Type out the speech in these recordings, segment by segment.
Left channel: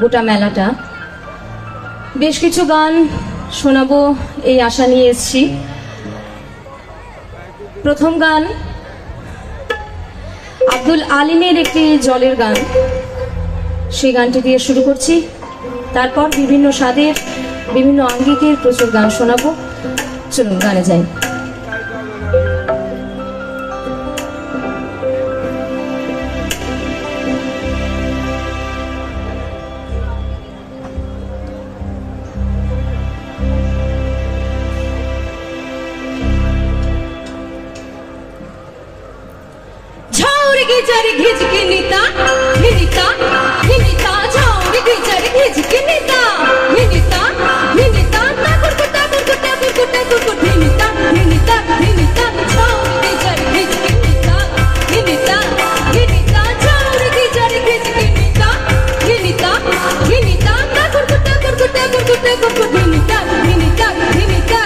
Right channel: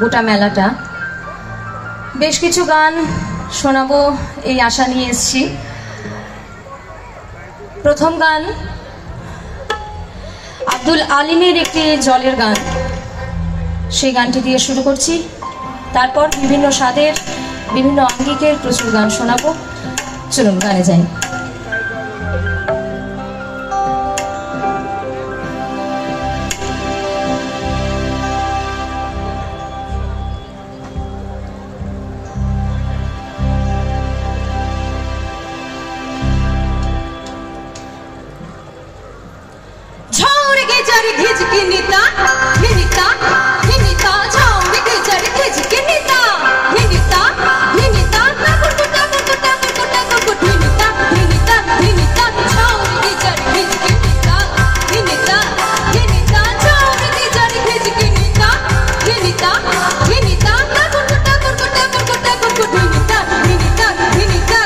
গোটা মেলাটা। বেশ কিছু গান শোনাবো এই আশা নিয়ে এসেছি। প্রথম গান আব্দুল আলিমের একটি জলের গান, সেই গানটি দিয়ে শুরু করছি। তারপর বিভিন্ন স্বাদের বিভিন্ন আঙ্গিকের প্রচুর গান শোনাবো। চলুন গানে যাই। घिज के नीता घिनिता घिनिता झाउड़ गिजर घिज के नीता घिनिता घिनिता कुकुटा कुकुटा कुकुटा कुकुट घिनिता घिनिता घिनिता झाउड़ गिजर घिज के नीता घिनिता घिनिता झाउड़ गिजर घिज के नीता घिनिता घिनिता कुकुटा कुकुटा कुकुटा कुकुट घिनिता घिनिता घिनिता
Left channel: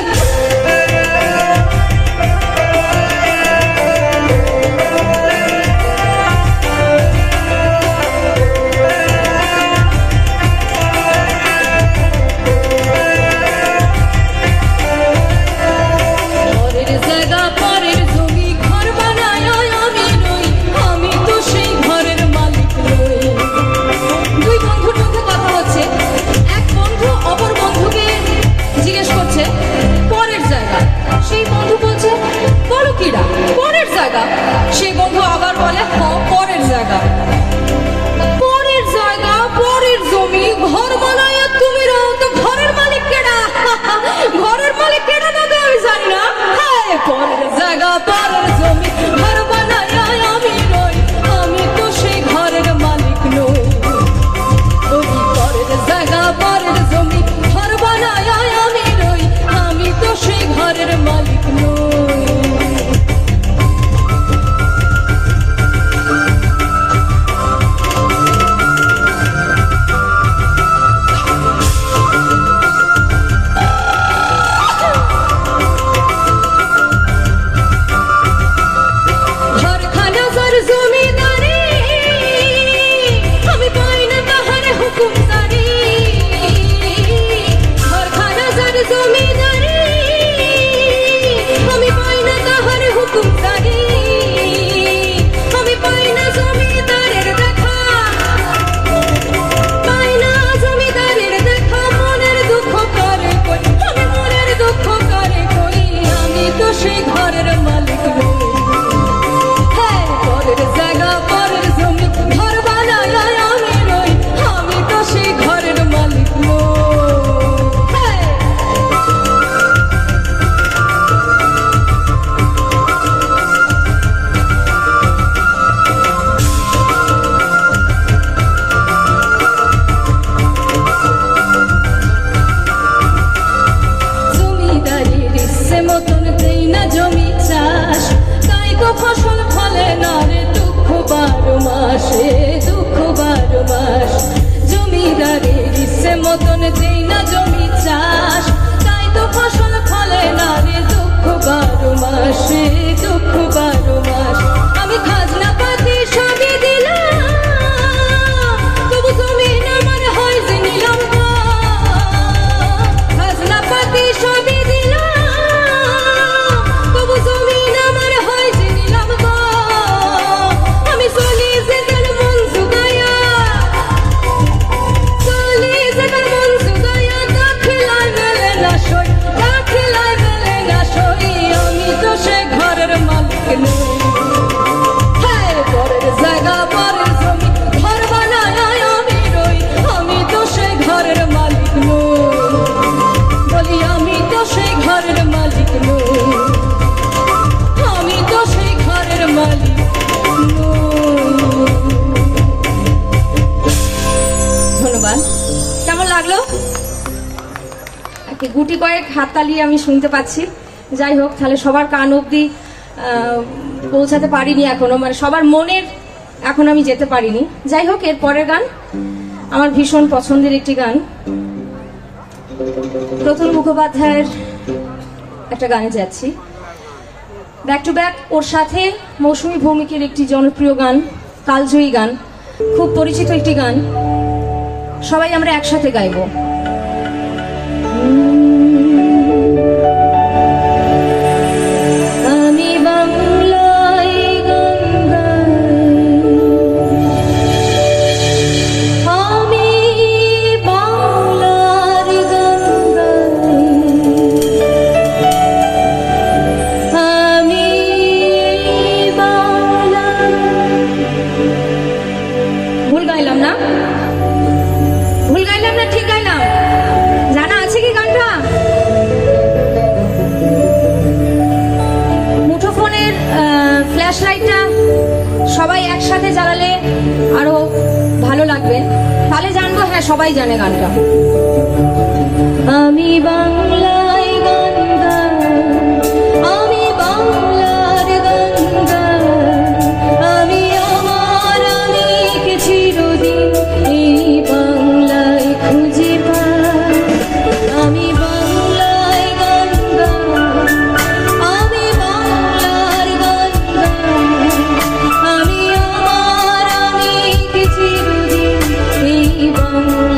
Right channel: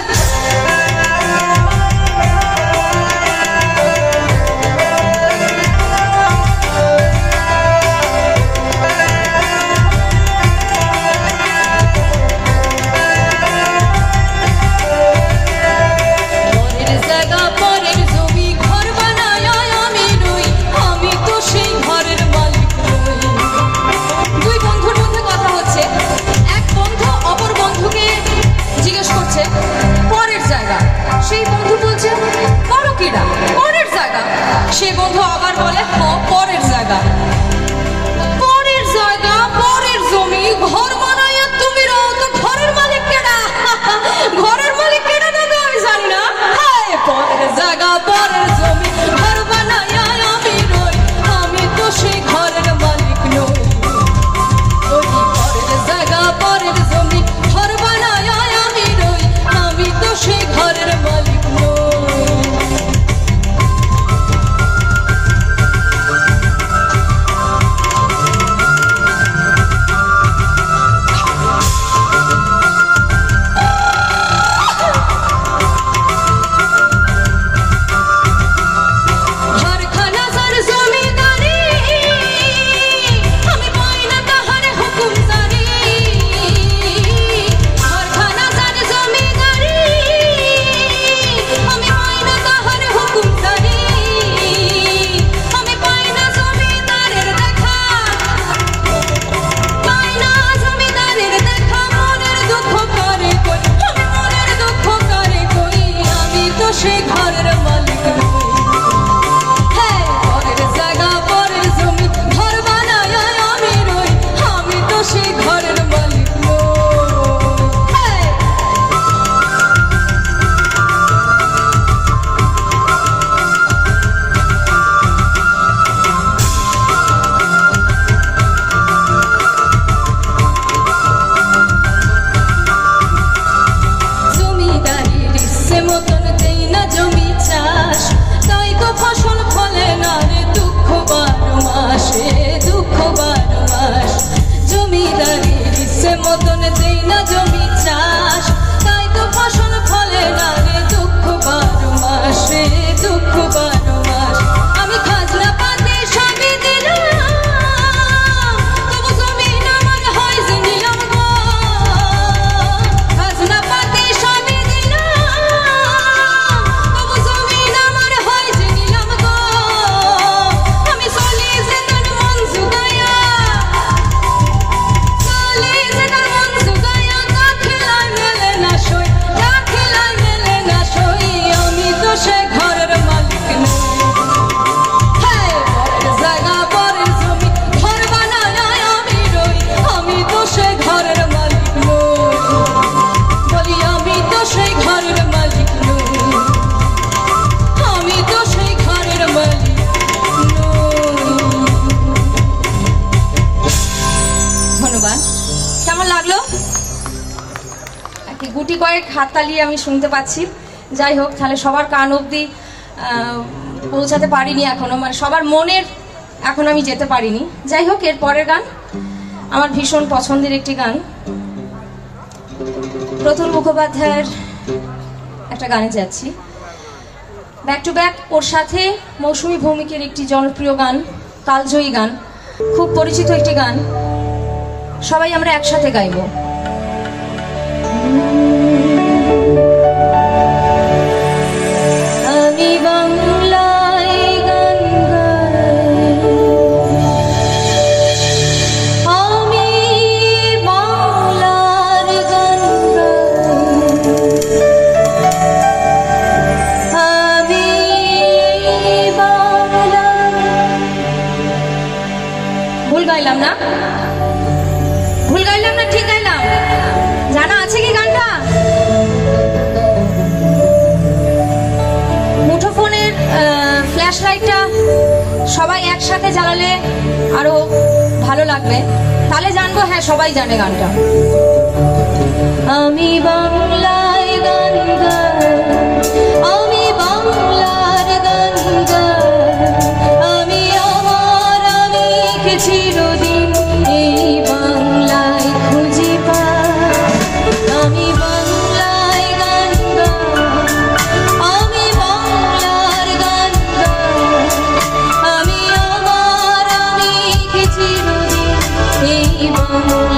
গুটি কয়েক হাততালি আমি শুনতে পাচ্ছি। যাই হোক, তাহলে সবার কান অবধি পৌঁছাতে পারিনি এখনো, মানে সবার মনের এখন আমি যেতে পারিনি। যাই হোক, এর পরের গান আমার ভীষণ পছন্দের একটি গান, প্রতুল মুখোপাধ্যায়ের একটা গানে যাচ্ছি ব্যাক টু ব্যাক। ওর সাথে মৌসুমী ভৌমিকের একটি জনপ্রিয় গান, কালজয়ী গান, খুব পরিচিত একটি গান, সবাই আমরা একসাথে গাইবো। আমি বাংলায় গান গাইলাম না? ভুল গাইলাম না? ঠিক গাইলাম? জানা আছে কি গানটা? মুঠোফোনের ফ্ল্যাশ লাইটটা সবাই একসাথে জ্বালালে আরো ভালো লাগবে, তাহলে জানবো হ্যাঁ সবাই জানে গানটা। আমি বাংলায় গান গাই, আমি বাংলার গান গাই, আমি আমার আলীকে চিরদিন এই বাংলায় খুঁজে পাই। আমি বাংলায় গান গাই, আমি বাংলার গান গাই, আমি আমার আলীকে চিরদিন এই বাংলায়